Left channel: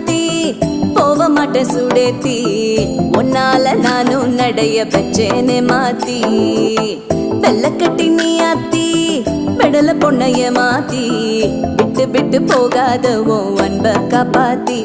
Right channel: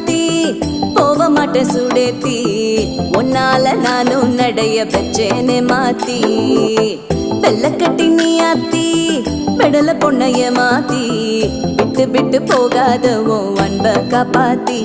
ராசாத்தி போக மாட்டேன் சுடேத்தி உன்னால நானும் நடைய பெச்சேனே மாத்தி வெள்ளக்கட்டி நீ ஆத்தி பெடல பொண்ணைய மாத்தி விட்டு விட்டு போகாத உன் அன்ப காப்பாத்தி